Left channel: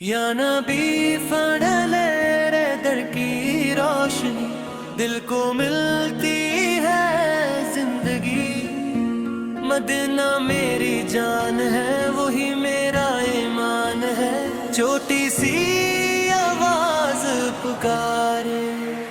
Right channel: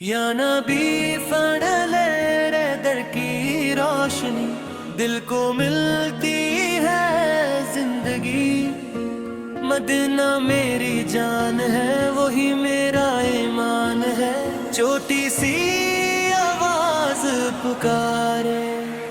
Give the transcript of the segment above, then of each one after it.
یا نبی پڑھ لے رے در کی روشنی، دل کو ملتی ہے زندگی۔ مدینہ میری جان ہے، وہی میرا ایمان ہے، چھوٹی سی آواز پکارے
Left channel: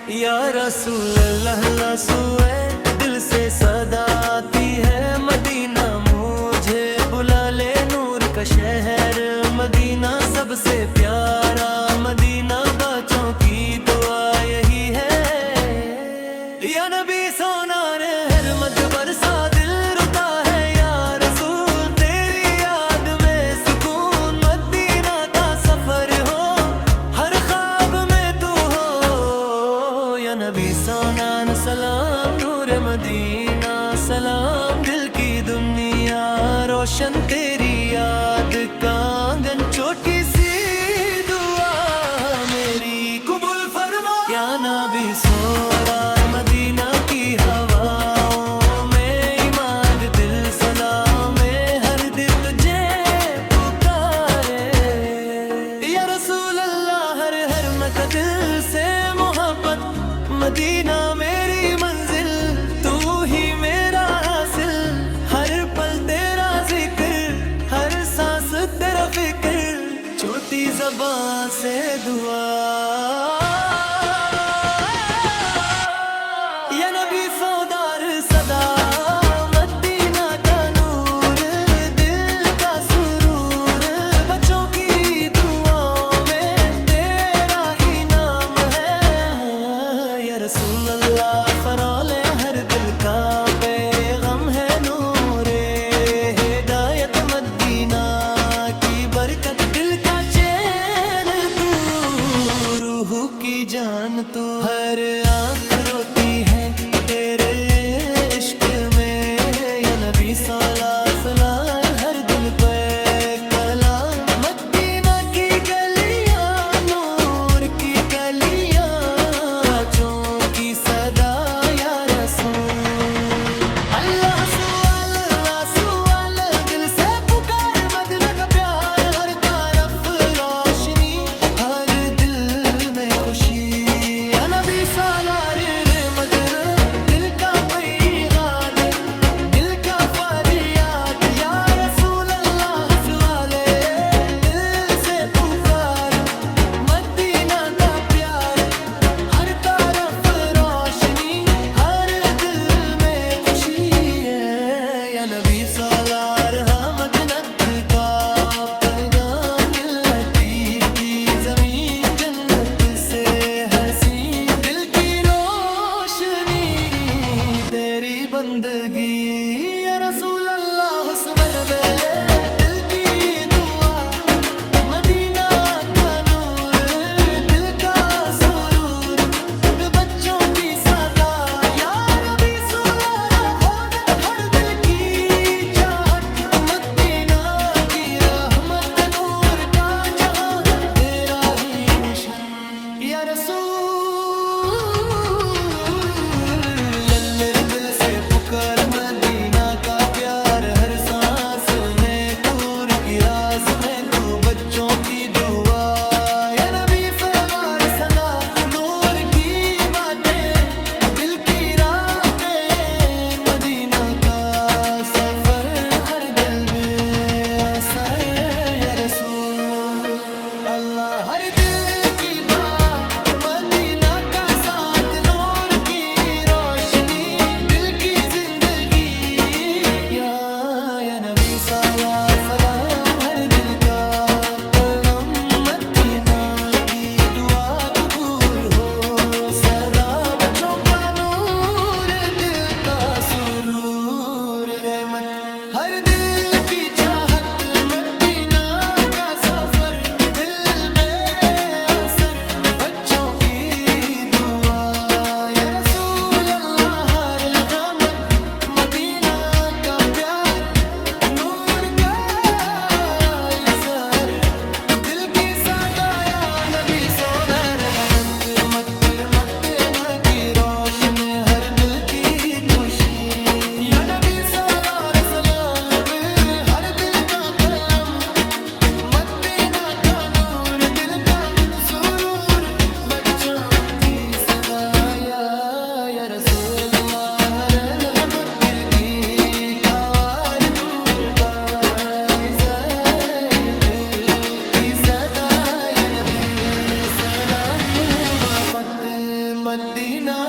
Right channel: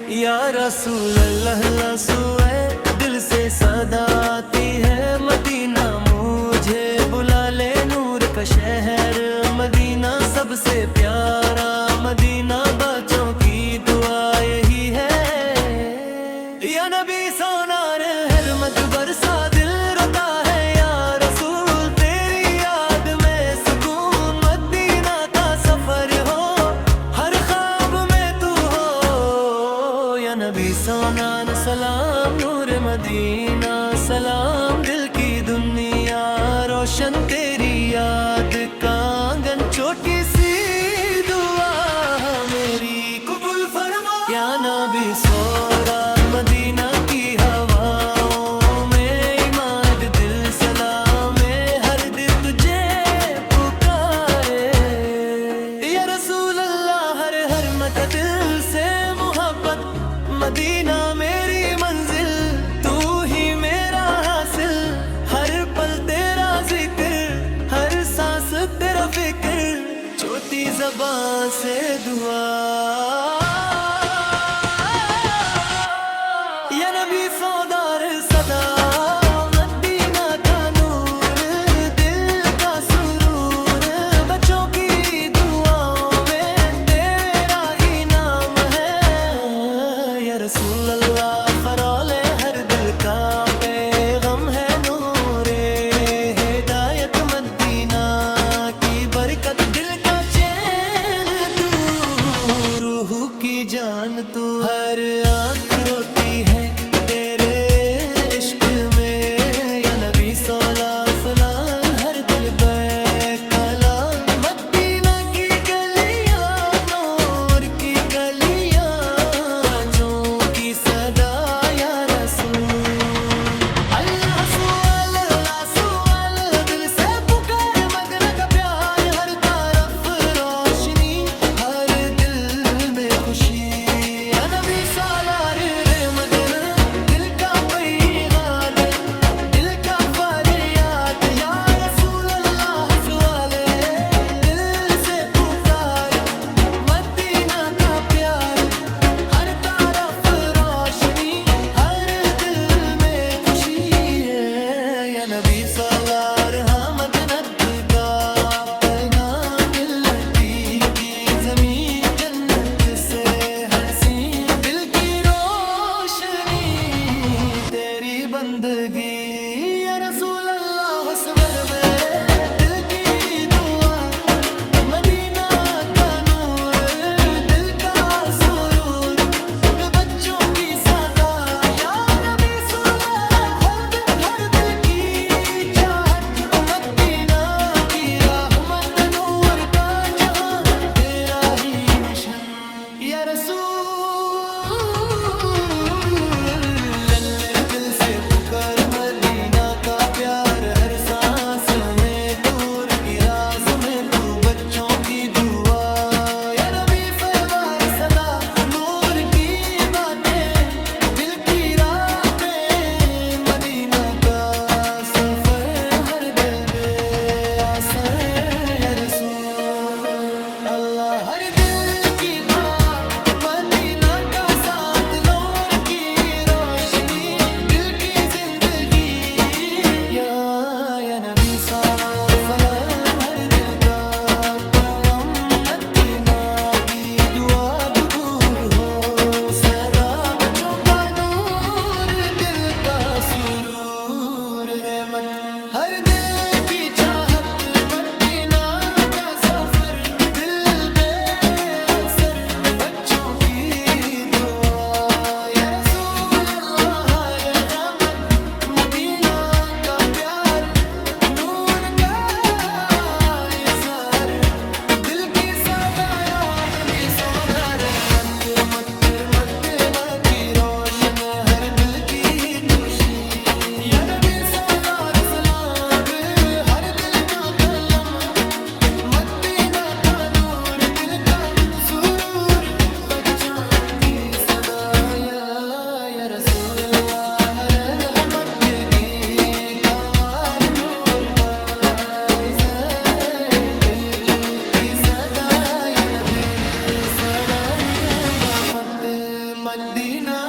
یا رسول اللہ، لسوئے دل سے صدا آتی ہے، مدینہ مجھے بلا لے، نور کا شہر مدینہ سب سے پیارا، مدینہ بچوں کی دعا یہی ہے۔ یا نبی سونار ہر مد برسا دل روتا ہے، یا رسول تیری یاد میں سکون، مدینہ کا سفر ہو ہر خواب میں تو ہو۔ یا نبی سونان سلام، نور مدینہ سلام، دل کی دنیا روشن تیری یاد کا آنگن، چھوٹی سی دعا میری قبول فرما۔ یا نبی سورار مدینہ کی ہواؤں میں، عماد دل سلام میں، ہر دل تجھے پکارے یا رسول اللہ، ہر ہر مت دل سے محبت، مدینہ میری منزل، تو ہی میرا حاصل، ہر پل تیرا ذکر، ہر سانس تیرا فکر، چھوٹی زبان سے دعا۔ یا نبی سودار صدا، مدینہ کا نور، دل کا سرور، بچوں کی دعاؤں میں تیرا ہی نام ہے۔ یا رسول اللہ فرولے ہر دل کا پیغام ہے، نور ہدایت مدینہ کی برکت، دل کا چین تو، روح کی جان تو، ہر آنکھ روتی ہے تیرے عشق میں۔ یا نبی صلا سلام، ہر دل بے کلام، مدینہ کی گلیاں نور کی گلیاں، بچوں کی صدا یا رسول اللہ، سوال اللہ سوال، دل سے پکار مدینہ کا پیار، ہر طرف روشنی، ہر دل میں خوشی۔ یا نبی سالار مدینہ، دل کا پیغام، دل کا فریاد، یا رسول اللہ سوالے دل سے پکار، مدینہ کا پیار، ہر طرف روشنی، ہر دل میں خوشی ہے۔ یا نبی سالار حمد ند کا پیغام، ملت پیر کی زمین جنت سے حسین، دل کی روشنی تیری بندگی، یا رسول اللہ حسور میں دل کی دعا، مدینہ کا نور، دل کا سرور، بچوں کی صدا، یا نبی سولار ہر دل کی چاہت، مدینہ کی رحمت، نور کا جہاں تیرا ہی نشان۔ یا رسول اللہ دل سے پکار، مدینہ کا پیار، ہر سانس میں نور کی راس میں تو، بچوں کی دعا۔ یا نبی فیوار صدا، نور کی باتیں، دل کی راتیں، مدینہ کا سفر، ہر دل میں اثر۔ یا رسول اللہ ہر دل کی بات، مدینہ کا ساتھ، نور کی روشنی، دل کی زندگی۔ یا نبی سلام سلام، ہر دل کا پیغام، مدینہ کی دعا قبول ہو صدا، بچوں کا نور، دل کا سرور، رحمت ہر دل کی چاہت، مدینہ کا سفر، دل بے शराफत मदीना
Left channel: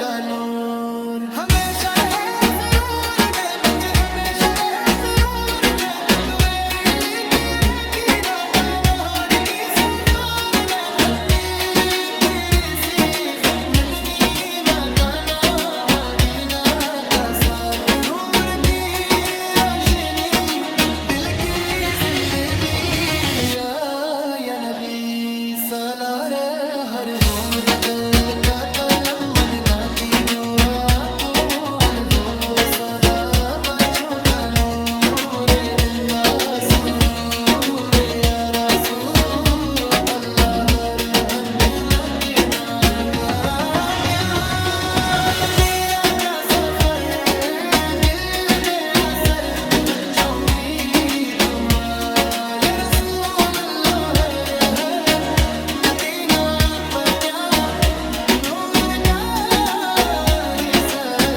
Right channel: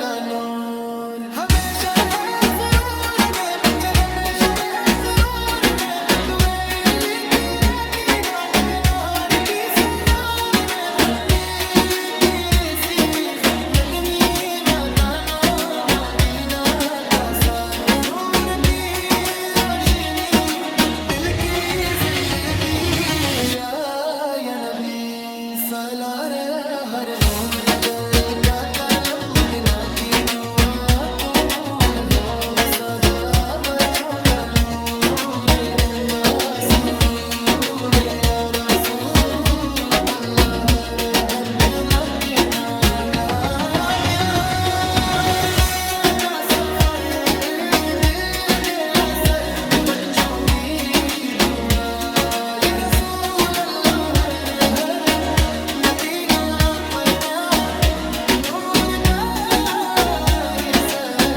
का नूर हमेशा रहे जरूर में बच हमेशा रहे जरूर में तुम्हारी की ना कानोर की सदार में पत्ती तेरी सी मदीना का नूर मदीना का साथ नूर की रोशनी दिल की जिंदगी या नबी सला रे हर हुमत दे का कलम मदीना की दुआ कबूल हो सदा बच्चों का नूर दिल का सुरूर या रसूल अल्लाह हर हद मदीना का प्यार मदीना का सफर दिल बेअसर बच्चों की दुआ या रसूल अल्लाह हर हद मदीना पर क्या नूर का ही सर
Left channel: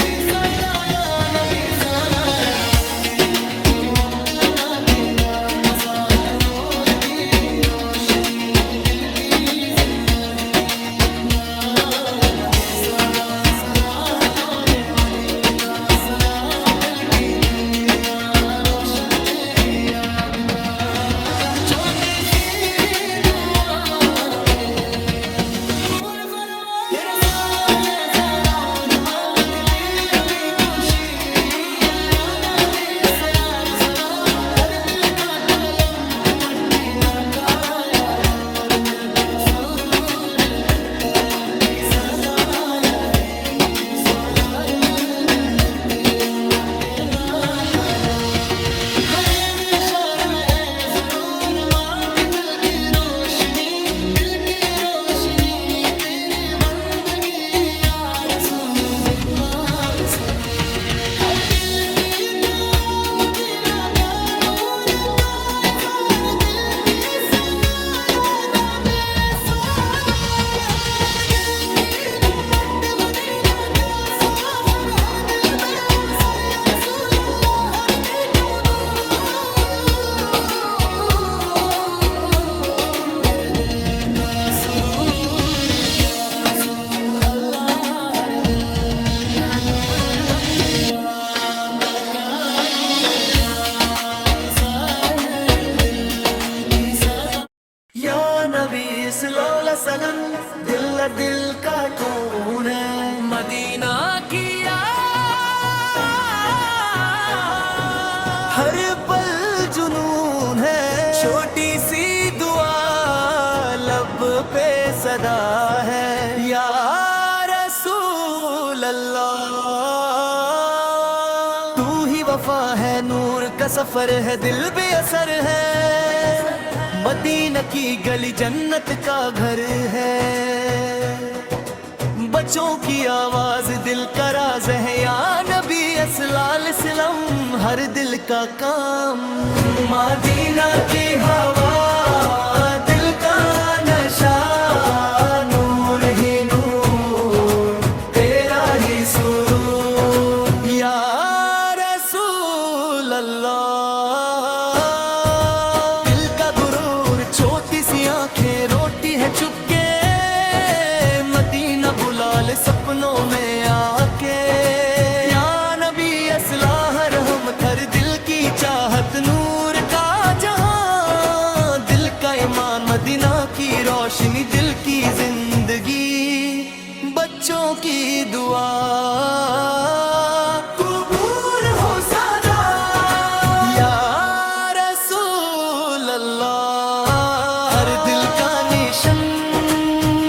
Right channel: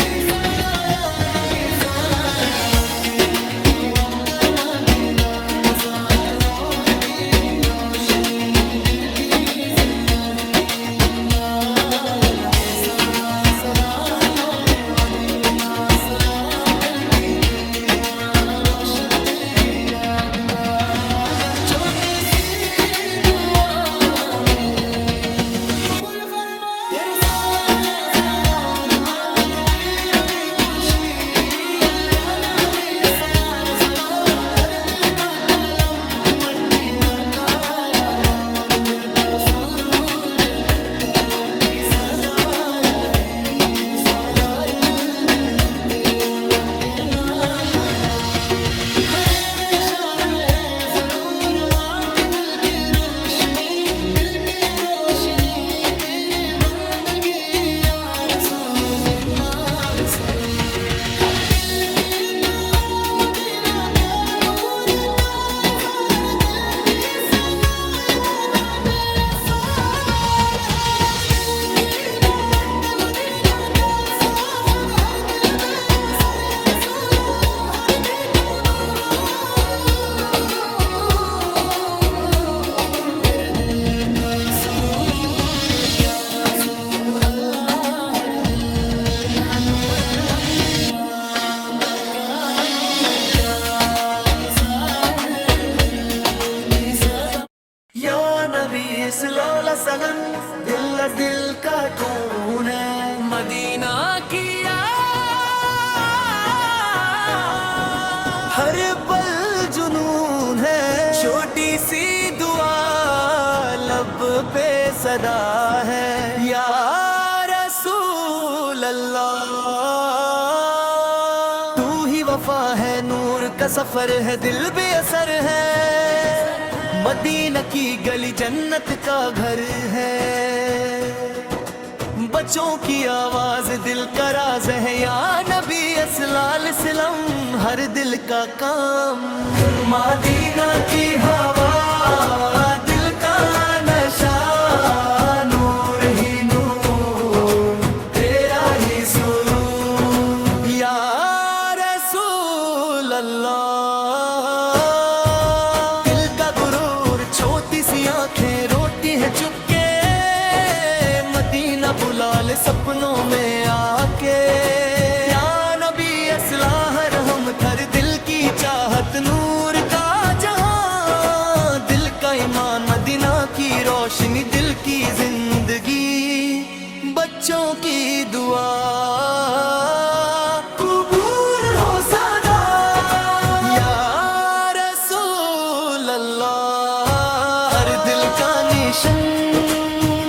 की सरदाया नबी सोला रगलोटी कोई मत मदीना का साथ नूर की रोशनी दिल की जिंदगी या नबी सलाम सलाम नूर मदीना सलाम दिल की दुनिया रोशन तेरी याद का आंगन छोटी सी दुआ में कबूल फरमा तेरे सारे ज़नूर माँ के दिल में खुशी या नबी सलाम हर दिल का कलम मदीना का या नूर दिल का सुरूर कर की सदा या नबी सोलार दिल तेरे मदीना का नूर हमेशा रहे जरूर माँ के दिल की रोशनी तेरी बंदगी या रसूल दुनिया बसरू हर दिल की दुआ मदीना का नूर का इज़हार दिल की समाया नबी सलाम हर दिल की बात मदीना का सफर हर दिल में असर या रसूल अल्लाह हर दिल फिर दिल का सुरूर या रसूल अल्लाह हर दिल का नूर मक्किया का क्या नूर का निसार दिल की सदा या नबी सल्लल्लाहु अलैहि वसल्लम दिल का कौन है मदीना की हर पल जुनून है छोटी सी दुआ लब पे सदा है या रसूल अल्लाह तू ही वफा है नूर का सफर है दिल बेअसर है मदीना की गली जन्नत का घर है बच्चों की आवाज दिल का राज है या नबी अस्लाल सलम हर दिल का काम मदीना की हवा दिल का नशा नूर ही नूर तेरा ही सुरूर या रसूल अल्लाह दिल का गुरूर छोटी सी आंखें रोटी है चुपके मदीना बुला ले सपनों में आके या नबी असलाह रहमत हर दिल की चाहत नूर का जहां दिल का ईमान मदीना की रोशनी दिल की जिंदगी बच्चों की दुआ कबूल हो सदा या रसूल अल्लाह हर दिल का निशन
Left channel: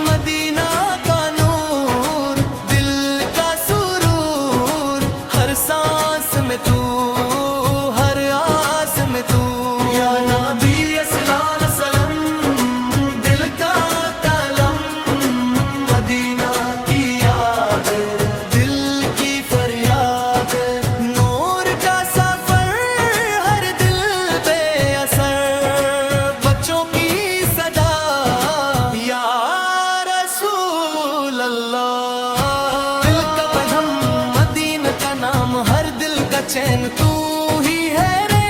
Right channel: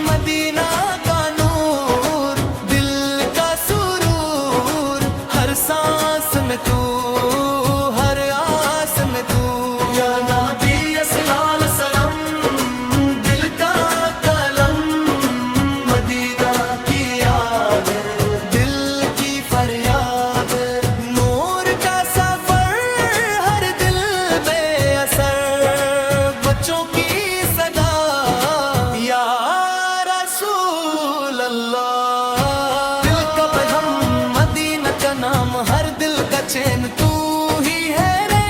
मदीना का नूर दिल का सुरूर हर सांस में तू हर आस में तू या नबी अस्सलाल सलाम दिल का कलम मदीना की याद दिल की फरियाद नूर का सफर हर दिल बेअसर बच्चों की सदा या रसूल अल्लाह दिल का पैगाम मदीना का नाम हर दिल का चैन तू ही है रे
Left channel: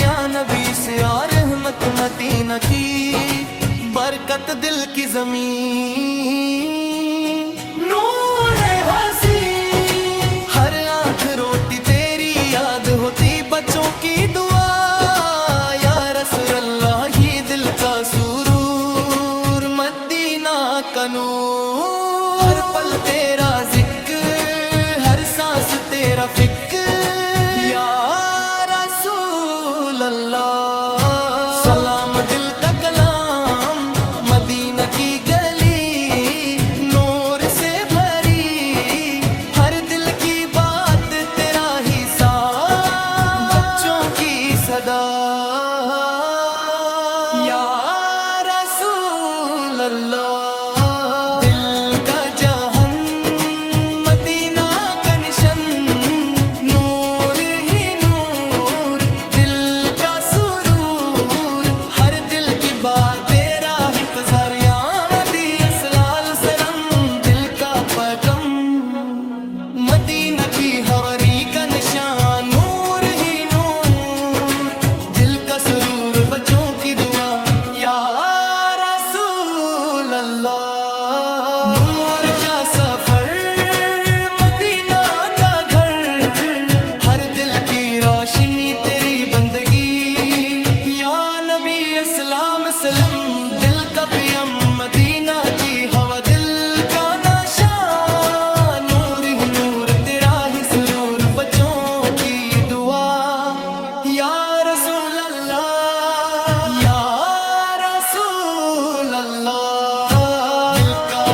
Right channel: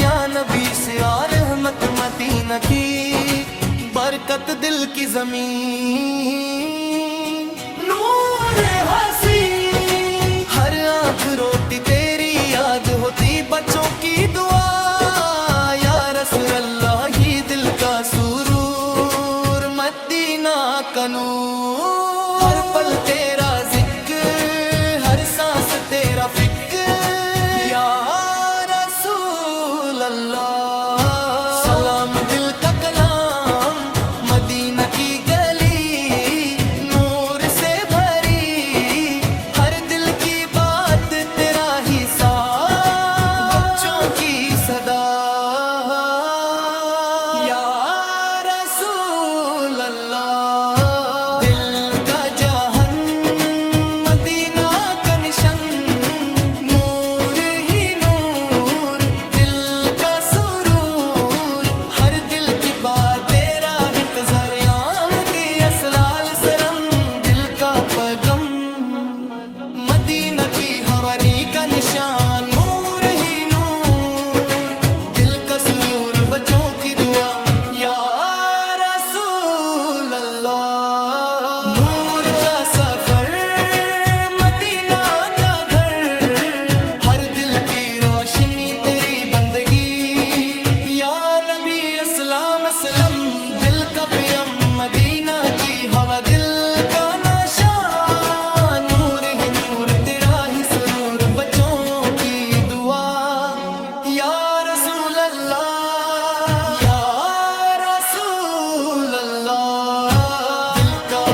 या नबी से और रहमत मदीना की برکت دل کی زمین، نور ہنسی، ہر آنکھ روتی تیری یاد ہوتی، بچوں کی دعا یا رسول اللہ ہی دل کا سرور، مدینہ کا نور، ہر پل تیرا ذکر، ہر سانس تیرا فکر، یا رسول اللہ، سلام دل کا کلام، مدینہ کی گلی نور سے بھری، ہر دل کی بات تیرا ہی ساتھ، بچوں کی صدا، یا رسول اللہ، دل کا جہان مدینہ کا نشان، نور ہی نور، دل کا سرور، ہر دل کی بات تیرا انتظار، یا نبی اسلال سرم، دل کا پیغام، مدینہ کی حوری کا نشان، نور ہی نور، دل کا سرور، بچوں کی دعا، یا رسول اللہ، نور کا سفر، مدینہ کا گھر، ہر دل کی روشنی تیری بندگی، یا نبی اسلام اسلم، دل کا پیم، مدینہ کی ہوا، دل کا نشان، نور ہی نور، تیرا ہی سرور، بچوں کی دعا، یا رسول اللہ، یا رسول اللہ، دل کا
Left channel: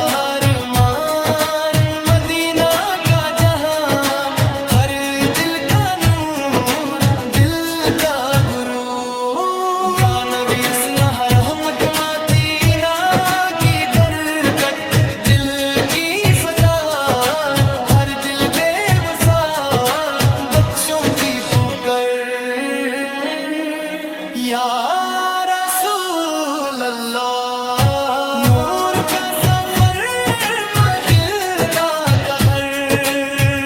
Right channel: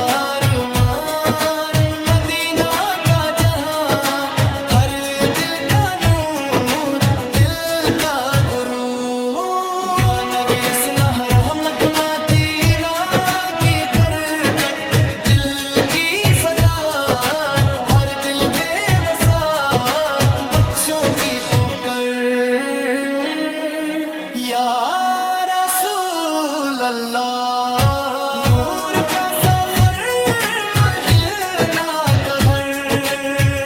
ارمان، مدینہ کا جہاں، ہر دل کا نور، دل کا غرور، یا نبی اسنا رحمت، مدینہ کی برکت، دل کی فدا، ہر دل بے وسا، بچوں کی پکر، یا رسول اللہ، نور کا سفر، مدینہ کا گھر،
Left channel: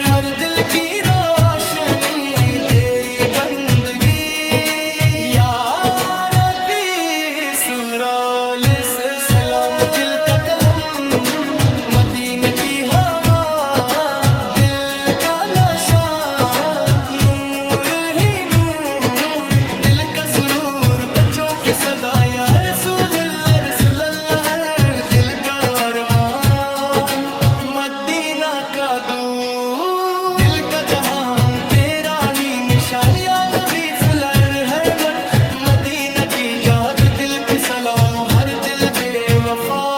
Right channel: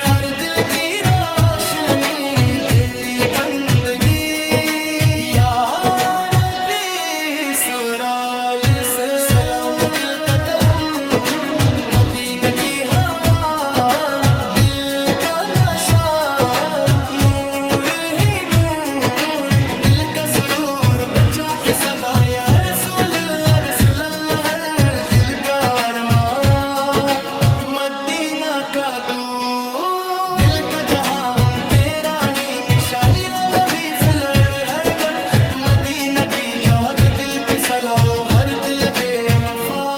ہر دل کی روشنی تیری بندگی، یا نبی سرال سے سلام، دل کا قلم، مدینہ کی ہوا، دل کا نشان، نور ہی نور، دل کا سرور، بچوں کی صدا، یا رسول اللہ، رسول اللہ، ہر دل کا ارمان، مدینہ کا دور، دل کا جہان تیرا ہی نشان، یا نبی فلر، ہر مدینہ کی جات، دل کی صلاح، ہر دل بے وفا،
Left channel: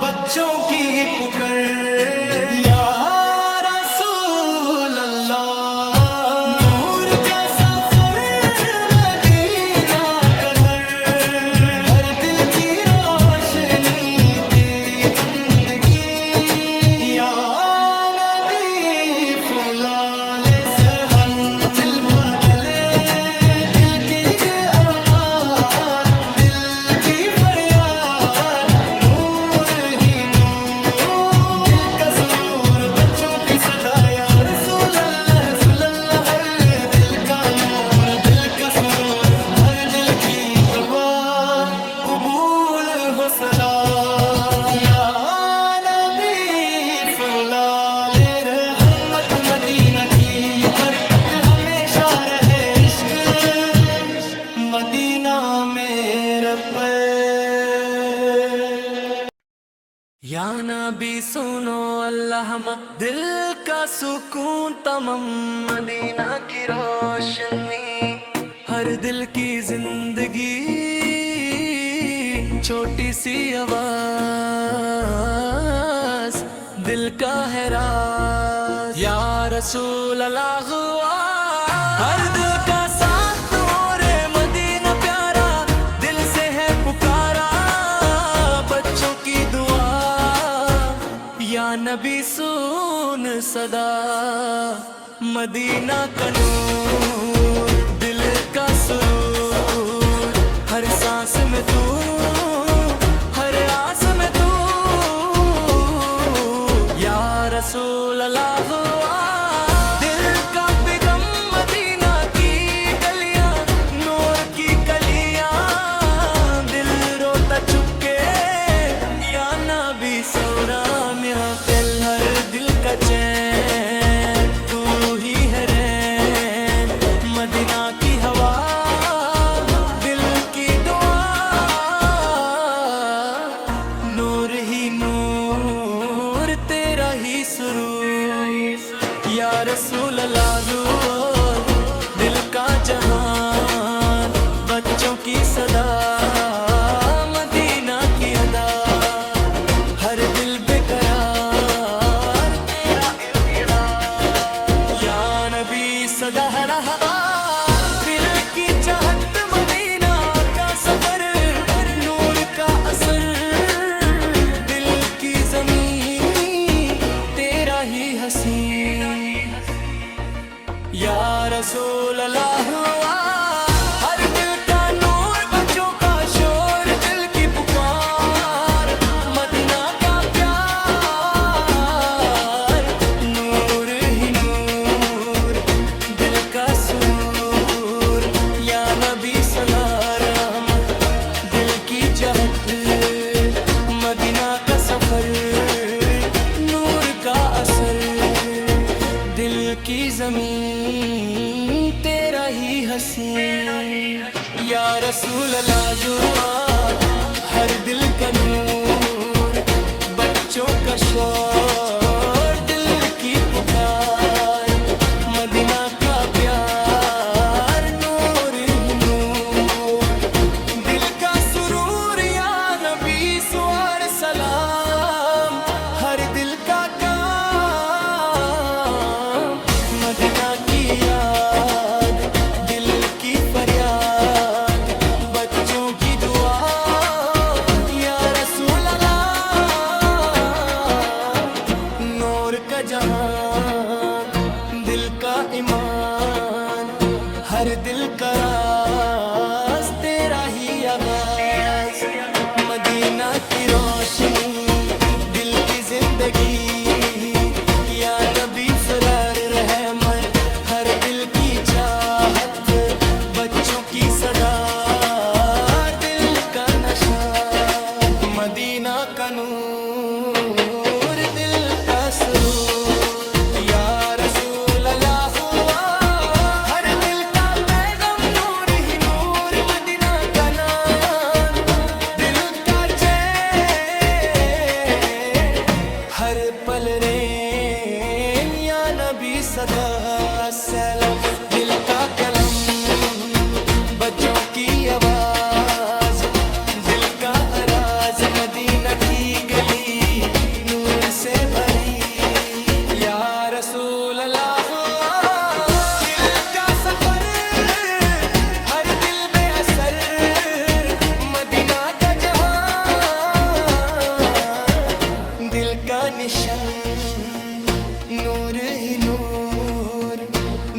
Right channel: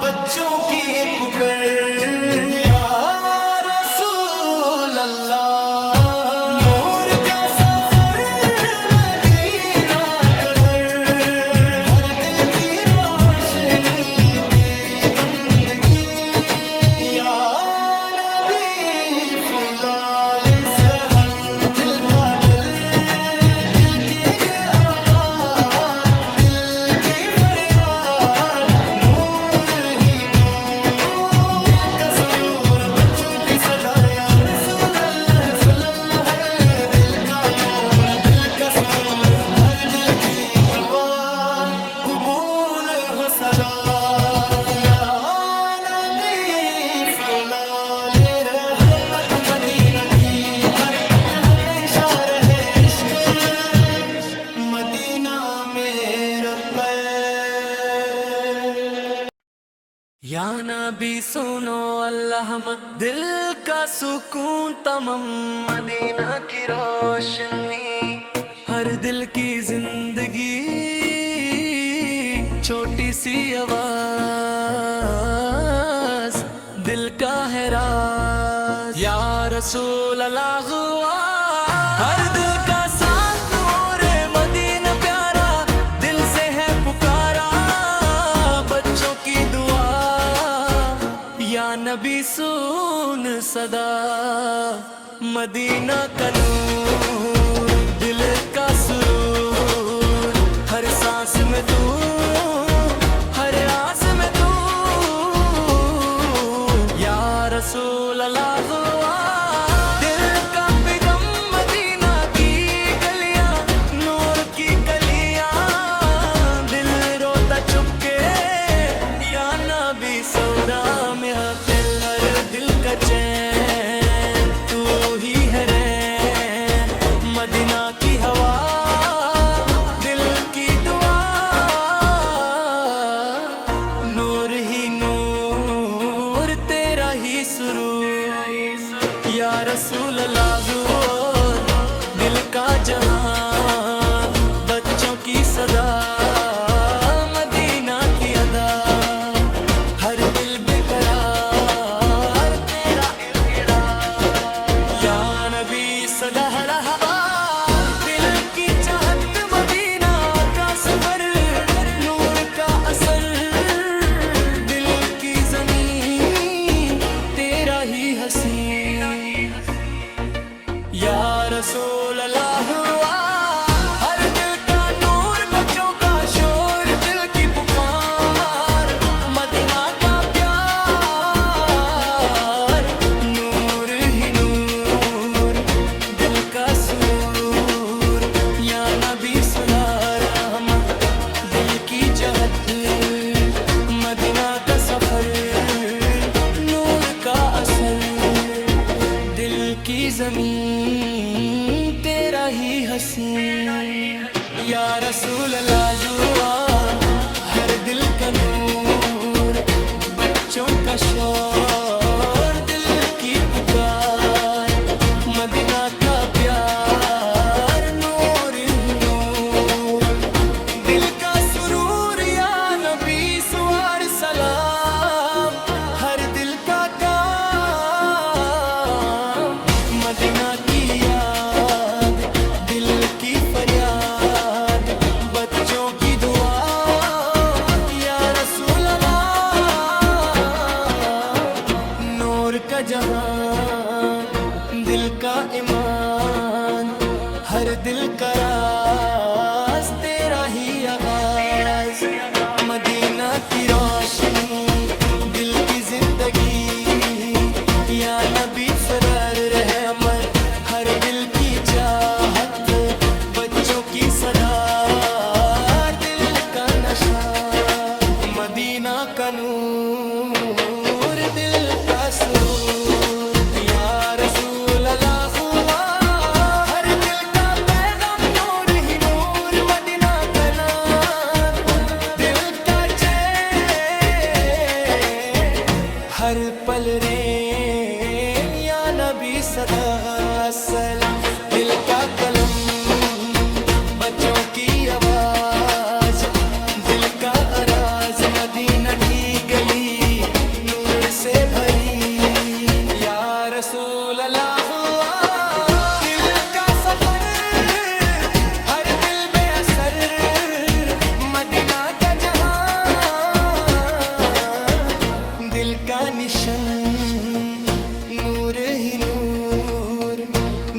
بچوں کی پکر، یا رسول اللہ، نور کا سفر، مدینہ کا گھر، ہر دل کی روشنی تیری بندگی، یا نبی فلال سہن، دل کا ڈلے، دل کے ارمان، دل کی فریاد، نور ہی نور، دل کا سرور، بچوں کی صدا، یا رسول اللہ، رسول اللہ، ہر دل کا نور، دل کا سرور، ہر دل کی دعا قبول ہو صدا، یا نبی فلال رحمت، مدینہ کی برکت ہمیشہ رہے، عشق مدینہ میرا پیر، یا نبی سنو اللہ، دل کا سکون تمام، مدینہ کی روشنی، ہر دل کی زندگی، چھوٹی سی آواز، دل کا ہے راز، یا رسول اللہ، ہر دل کا ساتھ، نور مدینہ پیارا، دل سے ہے پکارا، بچوں کی دعا، یا نبی سن صدا، مدینہ کا نور، دل کا سرور، ہر سانس میں تو، ہر آس میں تو، یا رسول اللہ، دل کا پیغام، مدینہ کی گلیاں، نور کی کلیاں، دل روتا چپ सौदा महफिल हर दिल का चैन तू ही है रैन मदीना की हवा दिल की दुआ नूर ही नूर तेरा ही सुरूर या रसूल अल्लाह दिल का जहान बच्चों की सदा मदीना की अदा हर दिल बेकरार तेरा इक़रार या नबी सदा रहा दिल की चाहत मदीना का सफर नूर का असर दिल की ज़मीं तेरा ही हसीन या रसूल अल्लाह हर दिल का नूर बच्चों का शोर दिल की पुकार मदीना का प्यार नूर ही नूर दिल का सुरूर या नबी सलाम दिल की जहत मदीना का सफर नूर का असर दिल की ज़मीन तेरा ही हसीन या रसूल अल्लाह जुआ हर दिल का नूर बच्चों का शोर दिल की पुकार मदीना का प्यार नूर ही नूर दिल का सुरूर या नबी सुवार सलाम हर दिल का मदीना की याद दिल की फरियाद बच्चों की दुआ या रसूल अल्लाह नूर का जहान दिल का ईमान हर दिल का राज तेरा ही आगाज मदीना की रोशनी दिल की जिंदगी या नबी फरार रहमत हर दिल की चाहत बच्चों की सदा दिल का नशा मदीना का नूर दिल का सुरूर या रसूल अल्लाह हर दिल का पैगाम नूर ही नूर मदीना का नाम दिल का चैन हर पल रे नबी सदा सलाम दिल का कलम बच्चों की आवाज दिल का अराज मदीना की गली नूर से भरी या रसूल अल्लाह दिल का सफर हर दिल बेअसर मदीना का जहां दिल का निशन नूर ही नूर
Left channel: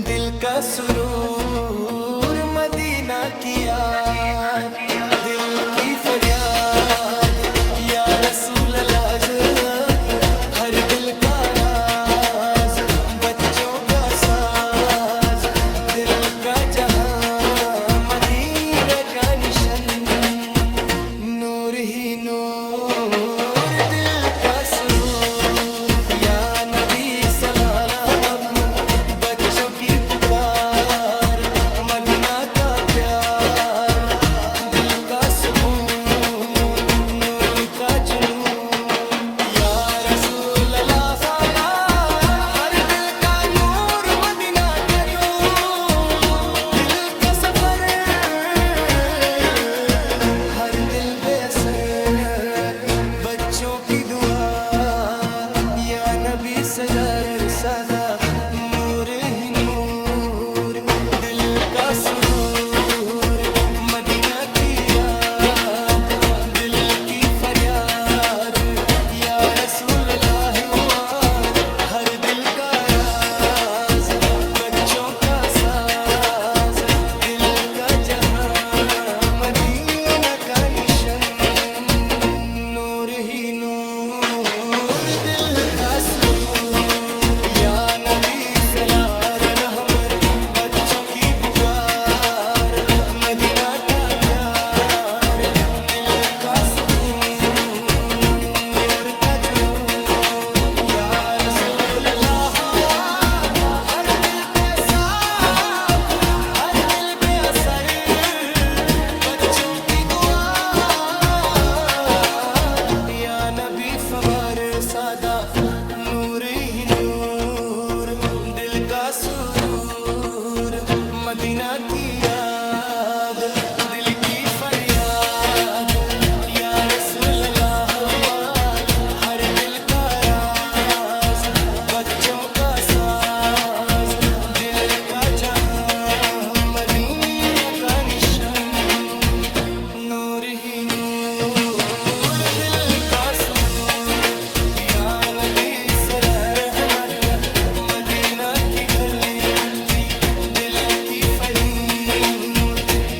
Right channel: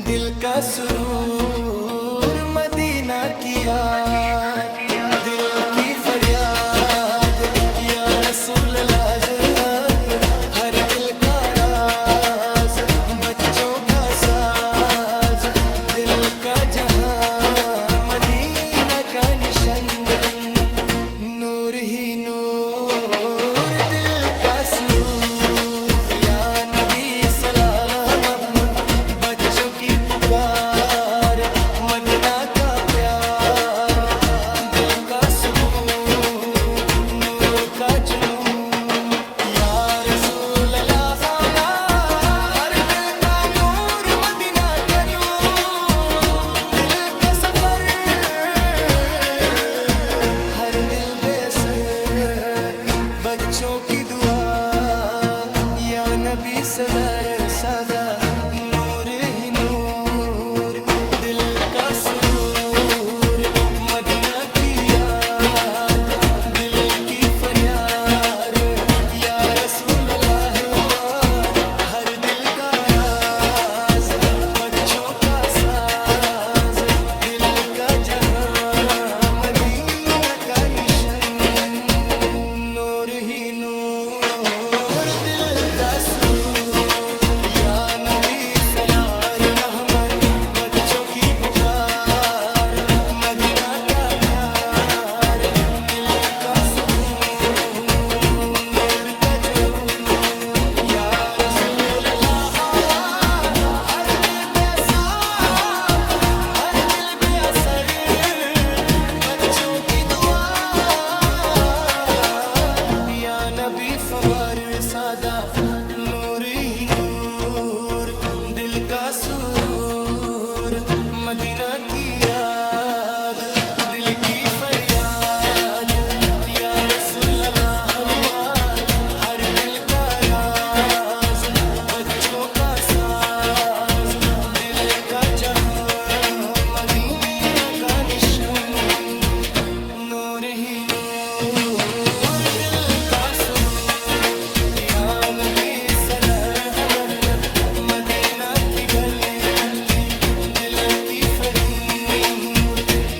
दिल का सुरूर मदीना की याद दिल की फरियाद या रसूल अल्लाह हर दिल का राज बच्चों का साज दिल का जहां मदीना का निशन नूर ही नूर दिल का सुरूर या नबी सलाम बच्चों की पुकार मदीना का प्यार दिल का सुकून नूर का जुनून या रसूल अल्लाह हर दिल का नूर मदीना का दूर दिल का सफर हर दिल बेअसर बच्चों की दुआ या नबी सदार सदा नूर ही नूर दिल का सुरूर मदीना की याद दिल की फरियाद या रसूल अल्लाह हर दिल का राज बच्चों का साज दिल का जहां मदीना का निशन नूर ही नूर दिल का सुरूर या नबी सलार हमर बच्चों की पुकार मदीना का प्यार दिल का सुकून नूर का फवार सादा नूर ही नूर, दिल का सुरूर, मदीना की याद, दिल की फरियाद, या रसूल अल्लाह हुआ हर दिल का राज, बच्चों का साज, दिल का जहां, मदीना का निशान, नूर ही नूर, दिल का सुरूर, या नबी सलाह मल्ला, मदीना की गली मक्की, दिल की फरीर,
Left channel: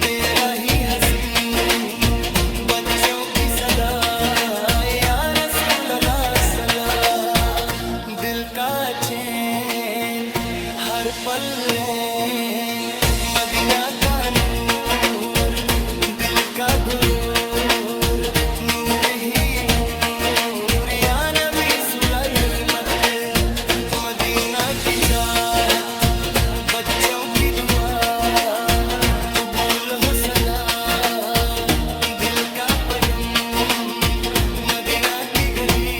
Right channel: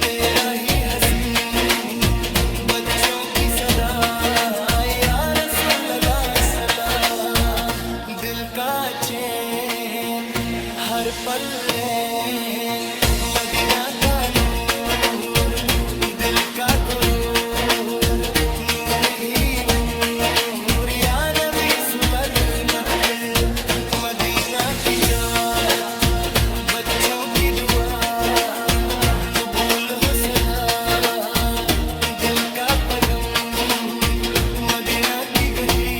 तेरा ही हसीन, बच्चों की सदा, या रसूल अल्लाह सलाम, दिल का चैन हर पल रैन, मदीना का नूर, दिल का गुरूर, नूर ही नूर, या नबी सुलैमत, मदीना की चाहत, बच्चों की दुआ, कबूल हो सला, दिल का पैगम, मदीना की गली,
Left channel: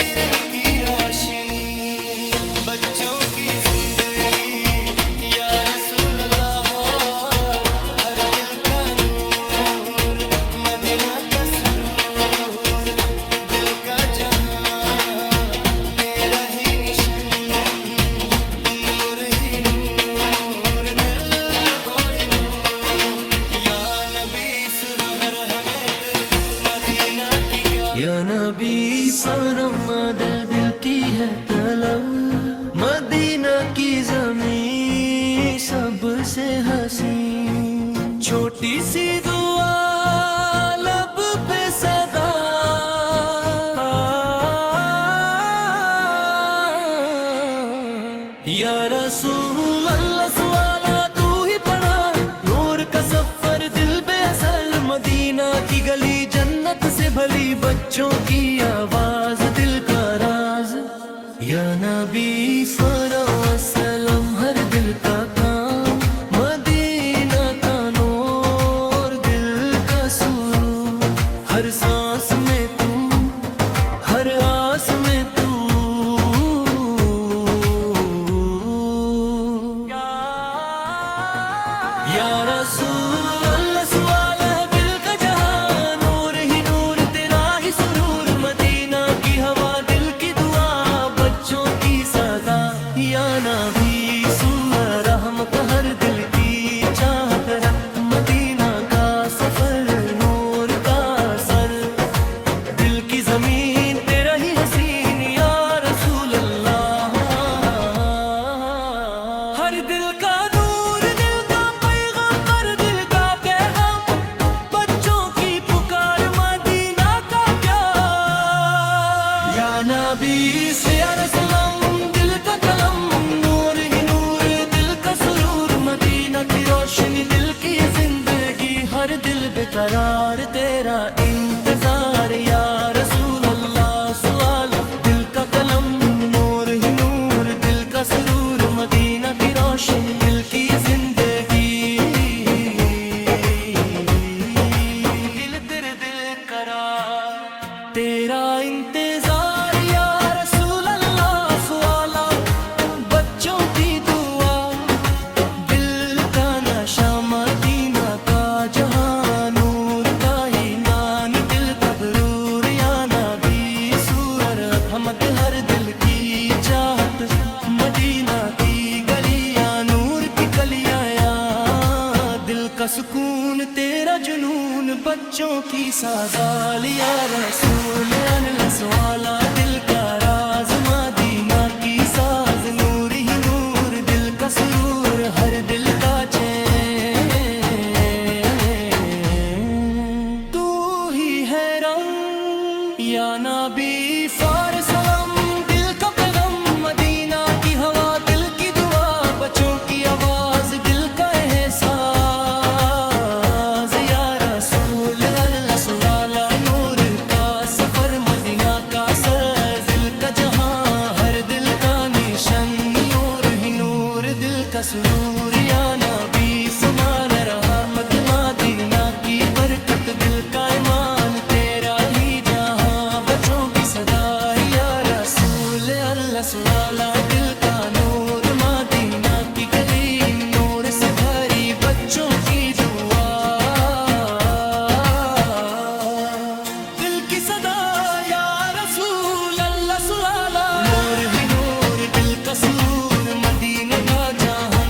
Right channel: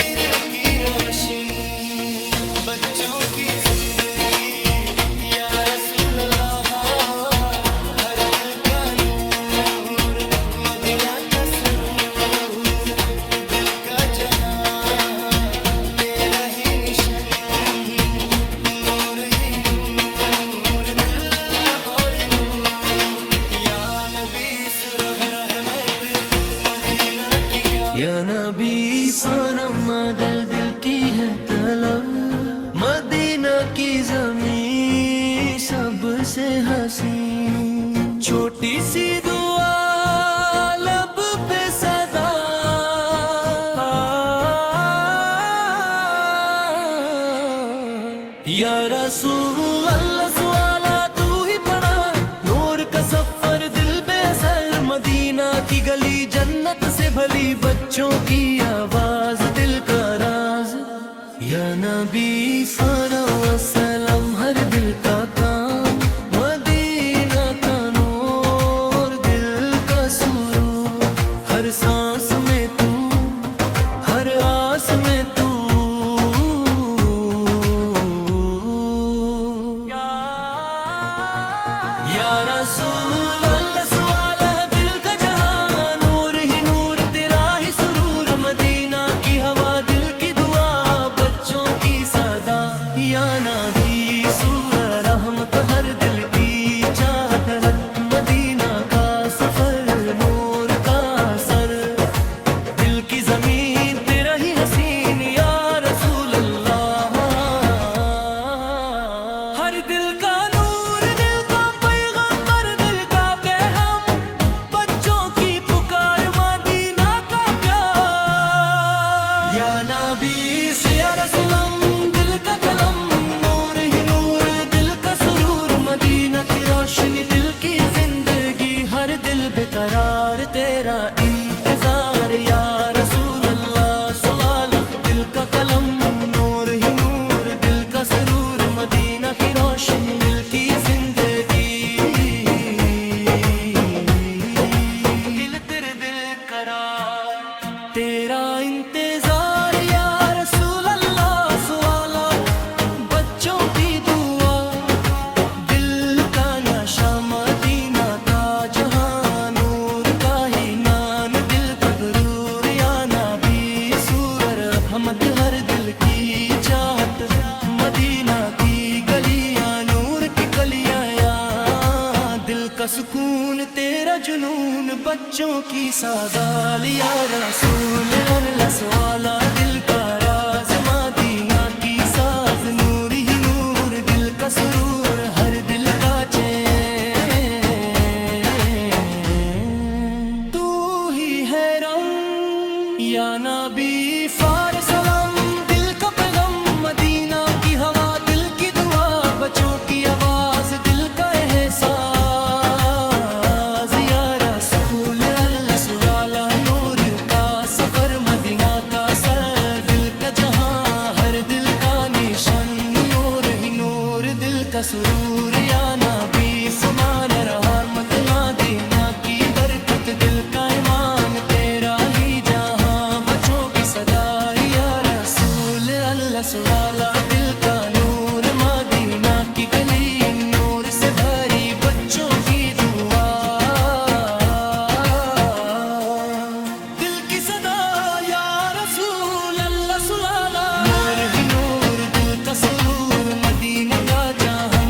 तेरे की रोशनी, बच्चों की जिंदगी, या रसूल अल्लाह हर दिल का नूर, मदीना का सुरूर, दिल का जहां, तेरा ही निशान, नूर ही नूर, दिल का और नूर, या नबी सुरग रहमत, मदीना की गा, या नबी सनम दिल की है तलब, मदीना की ज़मीं सबसे हसीन, छोटी सी दुआ लब पे सदा, या रसूल अल्लाह सवाला तू ही पढ़ा, नूर का सफर दिल बेअसर, मदीना की गली जन्नत से भली, बच्चों की आवाज दिल का राज, या नबी फरो सलाम हर दिल का काम, मदीना का नूर, दिल का सुरूर, हर सांस में तू, हर आस में तू, या रसूल अल्लाह सवाल है दिल का जहां, नूर ही नूर, तेरा ही सुरूर, मदीना की हवा, दिल की दुआ, बच्चों की सदा, या नबी सूर रहमत हर दिल की चाहत, मदीना का सफर, नूर का सर, दिल की जमीन तेरा ही हसीन, या रसूल अल्लाह हर दिल का नूर, दिल का पैगंबर, दिल का पैगाम, बच्चों की पुकार, मदीना का प्यार, या नबी से या रसूलम, दिल का कलम, नूर ही नूर, दिल का सुरूर, मदीना की रोशनी, दिल की जिंदगी, हर दिल बेकरार, तेरा इंतजार, या रसूल अल्लाह सवाल, दिल का कलम, नूर ही नूर, दिल का सुरूर, मदीना की रोशनी, दिल की जिंदगी, दिल तेरे दिल करार, तेरा इंतजार, या रसूल अल्लाह सवाला, बच्चों की दुआ, दिल का नशा, मदीना का जहां, नूर का ही नान, दिल का गुरूर, या नबी सूरर हमद हर दिल की चाहत, मदीना की गलियां, नूर की कलियां, या दिल का सुकून, तेरा जुनून, बच्चों की सादाल, या रसूल अल्लाह सवाला, दिल का राज, मदीना की साज, नूर ही नूर, दिल का सुरूर, हर दिल का चैन, तू ही है रंग, या नबी फार सलाम, दिल का पैगम, मदीना की हवा, दिल की दुआ, बच्चों की आवाज, दिल का एहसास, या रसूल अल्लाह सवाला, नूर का सफर, मदीना का सर, दिल का जहां, हर दिल का निशान, नूर ही नूर, दिल का सुरूर, या नबी सुमान रहा, मदीना की बरकत, दिल का ईमान, तेरा ही जहां, बच्चों रसवाला दिल का नूर मदीना की गली नूर से भरी बच्चों की दुआ दिल की सदा या रसूल अल्लाह सुलाला नूर ही नूर दिल का सुरूर मदीना का जहां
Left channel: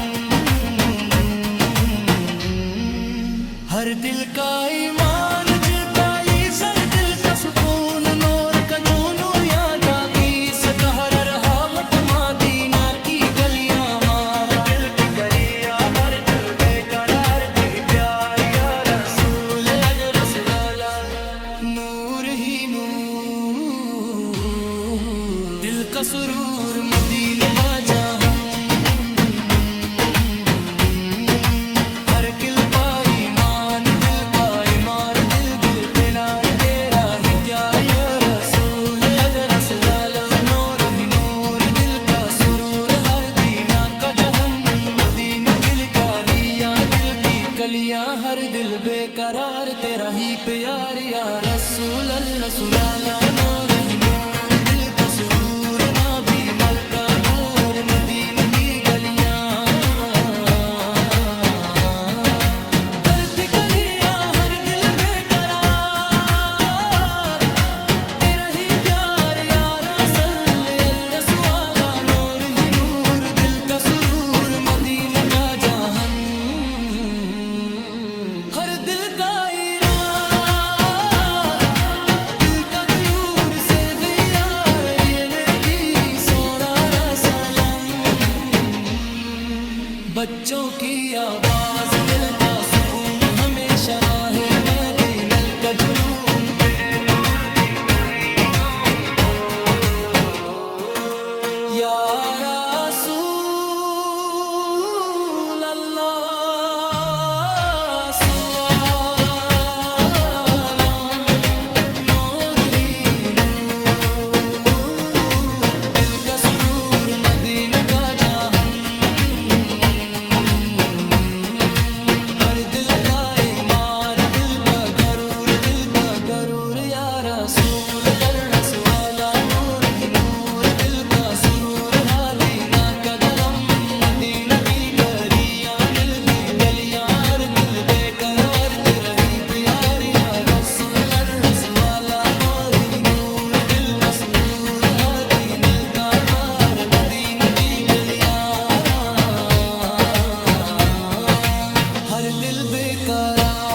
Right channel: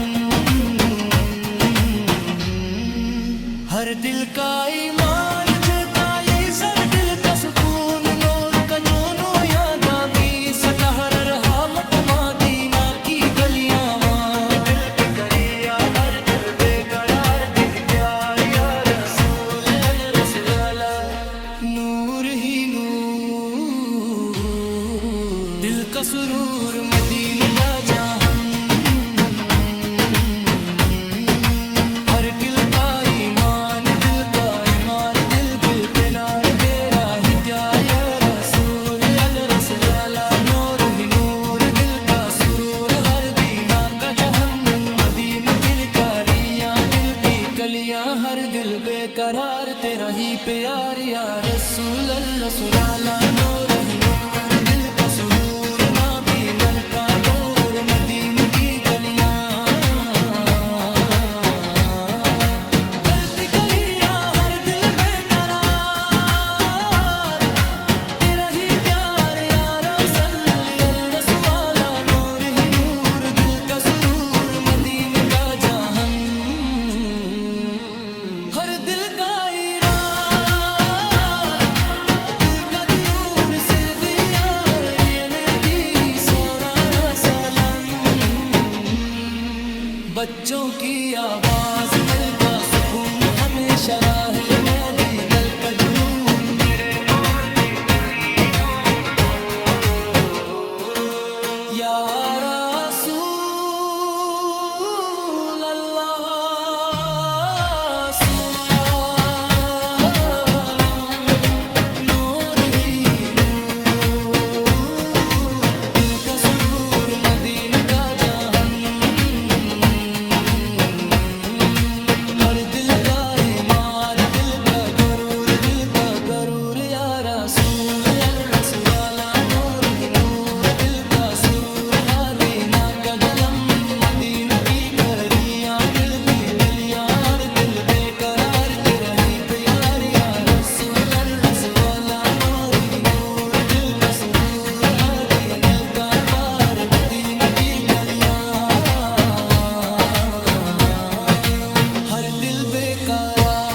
हर दिल का ईमान जिलका ये सर दिल का सुकून नूर का जोनो याद भी सकहर रहा वट मदीना की गलियां दिल की गलियां हर दिल बेकरार तेरी प्यार या रसूल रसूला नूर ही नूर दिल का सुरूर मदीना का जहां हर किल पाई मान दिल का ईमान दिल दिल पे नार तेरा ही प्यार या रसूल रसूला नूर ही नूर दिल का सुरूर हर दीना का जहन मदीना दिल कालियां दिल की कलियां हर दिल बेकरार तेरा ही प्यार या रसूल रसूला नूर ही नूर दिल का सुरूर नबी मलका और मदीना की गलियां धरती गलियां हर दिल बेकरार तेरा ही प्यार या रसूल रसूला नूर ही नूर दिल का सुरूर मदीना का जहां हर दिल का इराद दिल का दूर से दियार रियने दी सोरा सलाम बच्चों की आवाज मिलता सुकून हमेशा राहे मदीना का जुनून मेरे नूर दी या रसूल अल्लाह सलाम नूर ही नूर दिल का सुरूर मदीना का जहां हर दिल का ईमान दिल का गरूर या रसूल रसूला नूर ही नूर दिल का सुरूर हादीना का जलम मदीना की गरियां नीलगी गलियां हर दिल बेकरार तेरा ही प्यार या रसूल रसूला नूर ही नूर दिल का सुरूर हादीना का पार मदीना की गलियां हर दिल बेकरार